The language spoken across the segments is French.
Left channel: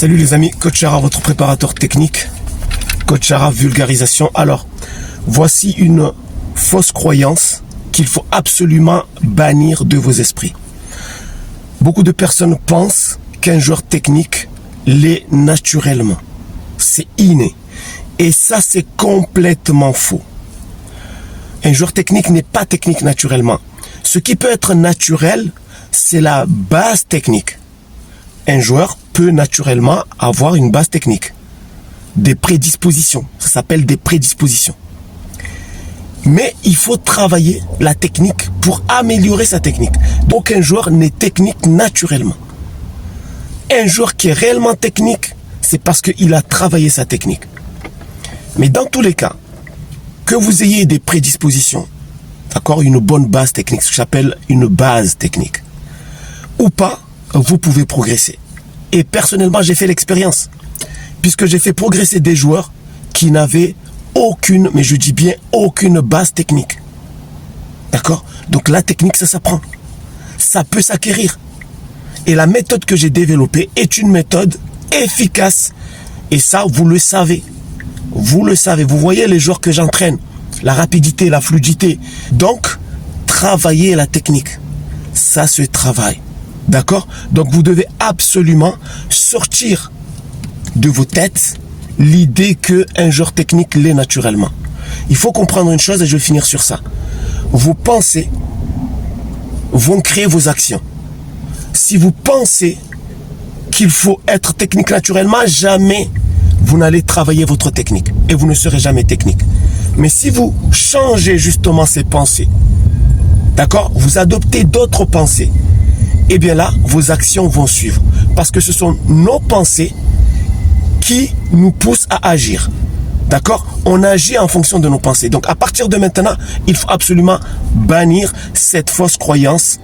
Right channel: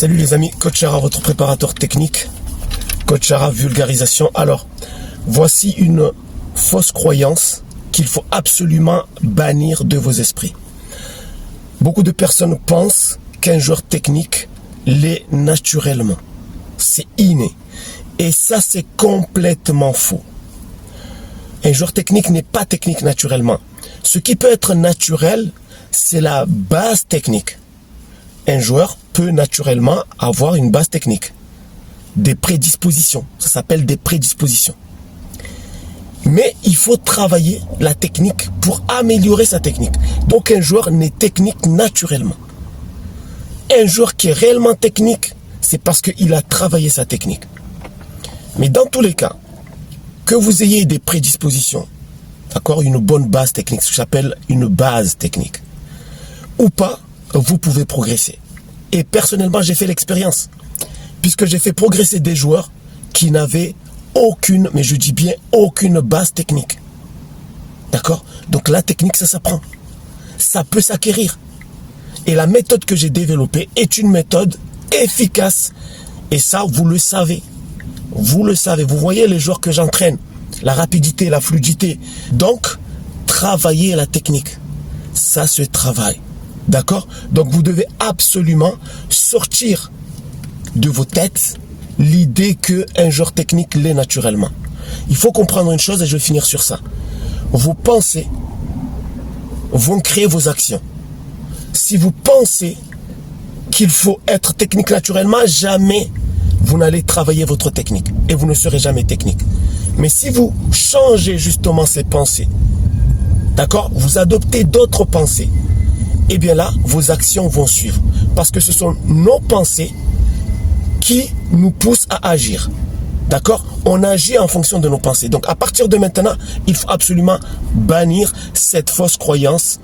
Salut les amis, Coach Chara, votre préparateur technique. Coach Chara, vulgarisation. Alors, voici une fausse croyance qu'il faut absolument bannir de vos esprits. Beaucoup de personnes pensent qu'un joueur technique l'est naturellement. C'est inné. Et ça, c'est complètement faux. Un joueur technique n'est pas technique naturellement. Ce qui peut être naturel, c'est la base technique. Un joueur peut naturellement avoir une base technique. Des prédispositions. Ça s'appelle des prédispositions. Mais il faut travailler la technique pour améliorer sa technique. Donc un joueur n'est technique naturellement. Un joueur qui est réellement technique, c'est parce qu'il a travaillé sa technique. Mais dans tous les cas, que vous ayez des prédispositions, d'accord, une bonne base technique, ce que j'appelle une base technique, ou pas, vous pouvez progresser. Et personnellement, j'ai fait l'expérience, puisque j'ai fait progresser des joueurs qui n'avaient aucune, mais je dis bien aucune base technique. D'accord? Donc la technique, ça s'apprend. Ça peut s'acquérir. Et la méthode que j'ai développée est une méthode efficace. Et ça, vous le savez. Vous le savez. Vous voyez les joueurs que j'entraîne. La rapidité, la fluidité. Donc, travaillez la technique. Ça se travaille. D'accord? Donc, vous devez absolument sortir de vos têtes l'idée qu'un joueur technique l'est naturellement. Il faut comprendre une chose et je vais finir sur ça. Vos pensées vont créer vos actions. Si vous pensez qu'il faut être technique naturellement, jamais vous n'allez travailler votre technique et vous ne serez jamais technique. Mais si vous changez justement ces pensées, d'accord, vous adoptez d'autres pensées, et bien là, vos actions vont suivre. Parce que ce sont nos pensées qui nous poussent à agir. D'accord? On agit en fonction de nos pensées. Donc à partir de maintenant, il faut absolument bannir cette fausse croyance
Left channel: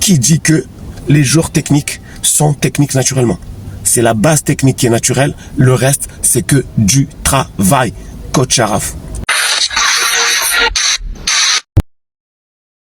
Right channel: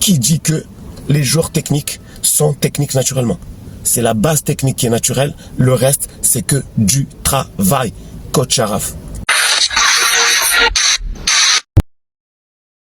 qui dit que les joueurs techniques sont techniques naturellement. C'est la base technique qui est naturelle. Le reste, c'est que du travail. Coach Charaf.